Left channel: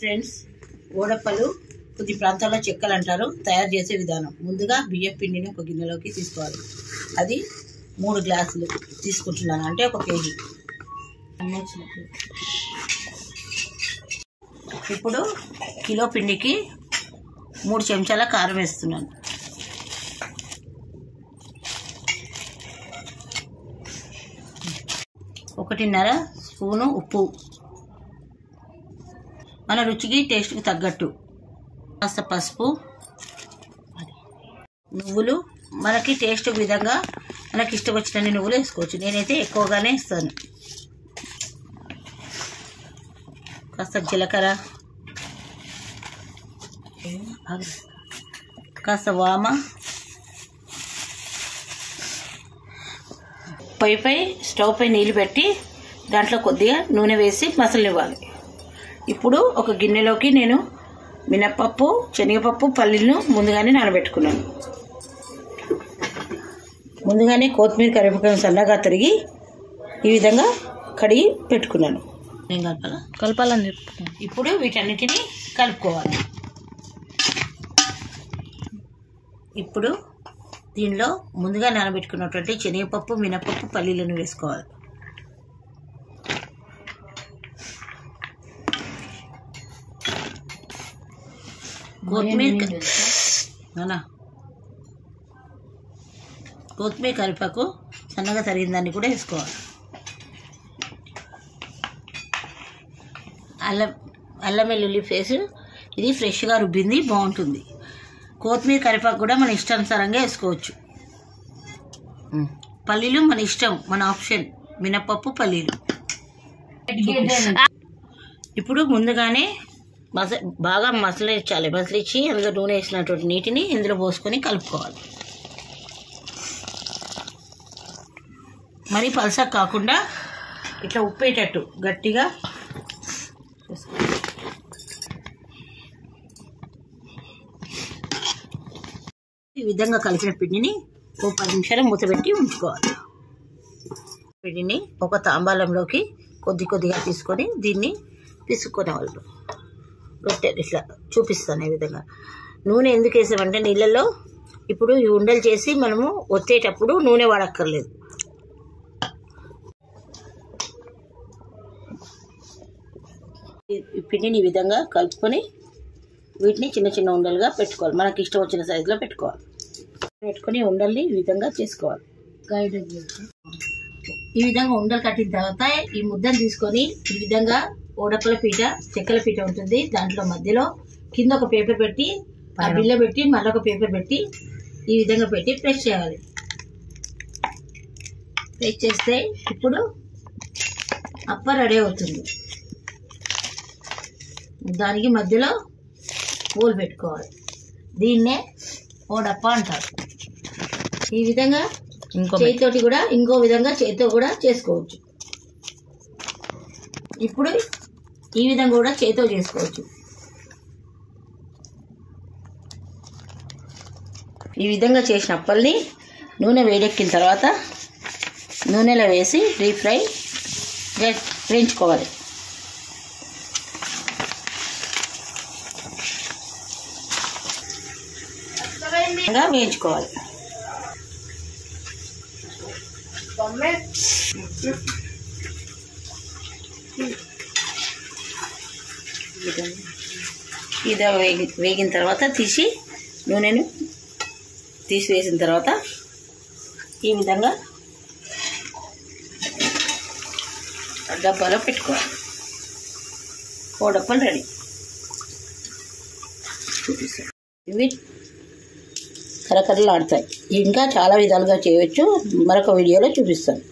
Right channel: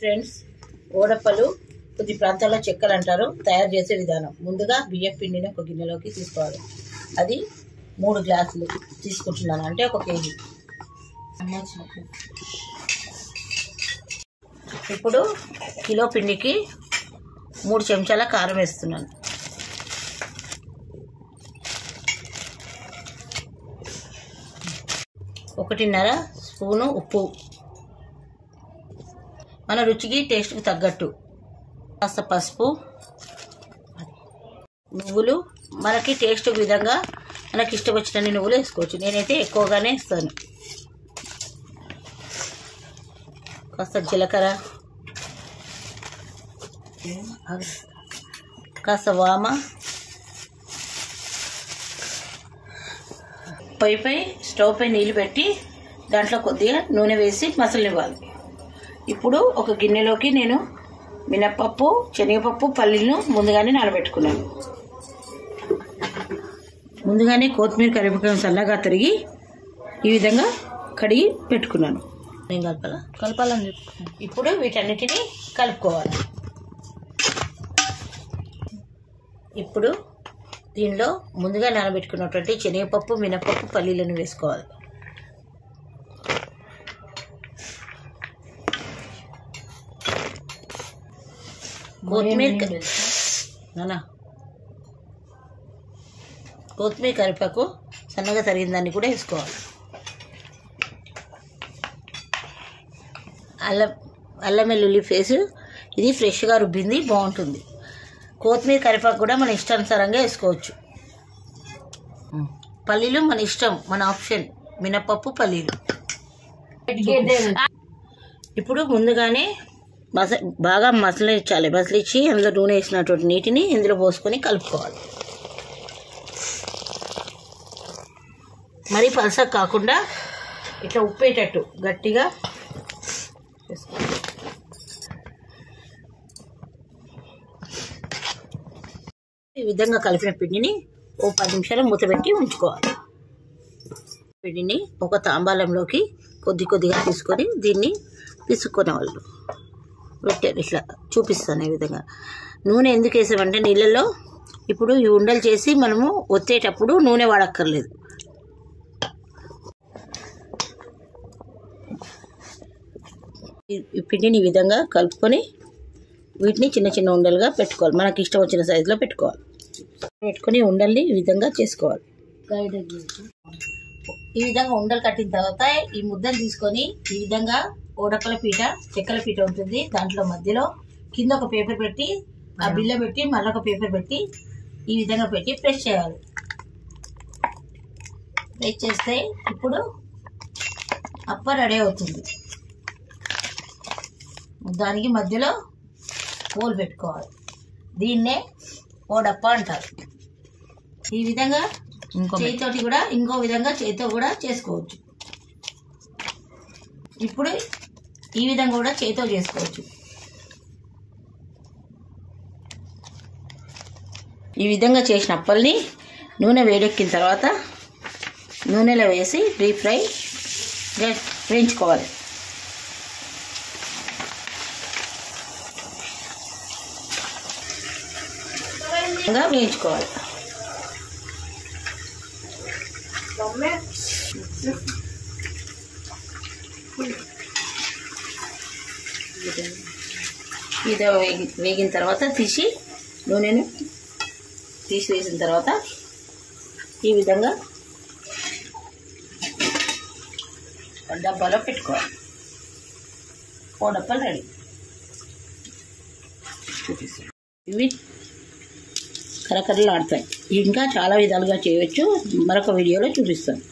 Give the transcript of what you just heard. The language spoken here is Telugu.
ఫ్రెండ్స్, ఓడప్పలు కొద్ది ప్రాంతాల్లో చెక్కలు అంటారు. తయారు చేసే విధానం: ముందుగా బియ్యం పిండిని ఒక గిన్నెలోకి తీసుకోవాలి. అది 3 గ్లాసులు తీసుకుంటున్నాను, అంటే 1 కేజీ. ఇప్పుడు కిలో పిండికి 3 చెంచాల కారం వేస్తున్నాను. ఒకటిన్నర స్పూను ఉప్పు, మన రుచికి టేస్ట్కి తగ్గట్టు. కాస్త పసుపు, నువ్వులు మనకి టేస్ట్ విధంగా మనకి ఇష్టం వచ్చినన్ని నువ్వులు వేసుకోవచ్చు. నేనైతే ఎక్కువగానే ఇస్తాను. కాస్త జీలకర్ర, కాస్త వామ. స్టవ్ పై నీళ్ళు పెట్టి దాంట్లో కొద్దిగా నూనె వేసి మసలనివ్వాలి. ఇప్పుడు ఒక గిన్నెలోకి నేను మినప్పప్పు, శనగపప్పు, పల్లీలను ముందుగానే నానబెట్టుకున్నాను. ముందుగానే కొత్తిమీర, కరివేపాకు సన్నగా తరిగి ఈ విధంగా కడిగి పెట్టుకున్నాను. ఏం కలపాలని చెప్తున్నాను. ఇప్పుడు వీటన్నిటిని కలుపుకోవాలి. ఇప్పుడు దీనిలో ముందుగా నానబెట్టుకున్నటువంటి శనగపప్పు, మినపప్పు, పల్లీలను వేసుకోవాలి. కొత్తిమీర, కరివేపాకు సన్నగా తరిగిన దాన్ని కూడా వేసుకోవాలి. అల్లం వెల్లుల్లి పేస్ట్, ఇది ఫ్రెష్గా రుబ్బింది, బాగుంటుంది. కొత్తిమీర, కరివేపాకు కూడా మన ఇష్టానుసారంగా వేసుకోవచ్చు. పల్లీలు మన ఇష్టం, మన ఆప్షన్. మినపప్పు, పల్లీలు. ఇప్పుడు ముందుగానే బాగా మసలించాలి. మసలిచ్చి అందులో నూనె వేసినటువంటి నీటిని ఇందులో పోసుకొని కలుపుకోవాలి. మరీ పలసగా కాకుండా ఇట్లా ఉప్పేటట్టు గట్టిగా చేసుకోవాలి. ఈ విధంగా కలిపిన పిండిని ఓ 10 నిమిషాలు మూత పెట్టి ఉంచుకోవాలి. పిండిని ఒక తాంబాలంలోకి కొద్దిగా తీసుకొని దీన్ని పిసుక్కునే వాళ్ళు పెట్టారు. ఇట్లా చూపిస్తాను. ఈ విధంగా నూనె ఎందుకు వేసామంటే నీళ్ళల్లో ఇప్పుడు ఈ ఉండలు చేసి మనము ఒత్తేటప్పుడు నూనె వాడక్కర్లేదు. ఈ పిండిని ఈ విధంగా కలుపుకొని వీటిని చిన్న చిన్న ఉండలుగా పెట్టుకోవాలి. మనకి ఇష్టం వచ్చిన సైజులో పెట్టుకోవాలి. పెట్టుకొని ఉండల్ని ఈ విధంగా చేసుకోవాలి. ఈ విధంగా ఉండలు కట్టిన తర్వాత ఈ ముద్దను తీసుకొని ఈ విధంగా ఓడప్పల పీట, చెక్కల పీట ఉంటుంది, దాంట్లో మధ్యలో కింద ఒక పేపర్ పెట్టి, ఆ బిల్ల పెట్టి, మళ్ళీ ఒక పేపర్ పెట్టి ఈ విధంగా పెట్టి ప్రెస్ చేయాలి. ప్రెస్ చేస్తే ఇప్పుడు అప్ప రెడీ అవుతుంది. దానికి మధ్యలో హోల్ పెట్టుకోవాలి. దీన్నే ఓడప్ప అంటారు. ఈ విధంగా చేతితోటి కూడా, ఇంకో విధంగా చేతితో కూడా చేసుకోవచ్చు. ఇప్పుడు ఈ విధంగా కూడా చేతితో చేసుకోవచ్చు. ఈ విధంగా చేసిన అప్పల్ని నూనె వేడెక్కిన తర్వాత నూనెలో వేసి డీప్ ఫ్రై వేయించుకోవాలి. వేయించుకోవాలి. ఇది వేగిన తర్వాత నూనెను తీసివేసిన తర్వాత ఈ విధంగా డబ్బాలో పెట్టుకోవాలి. ఓడప్పలు రెడీ. ఇవి కరకరలు ఆడతాయి. ఇంకా చాలా విధాలుగా చేయవచ్చు. మరొక వీడియోలో చూపిస్తాను.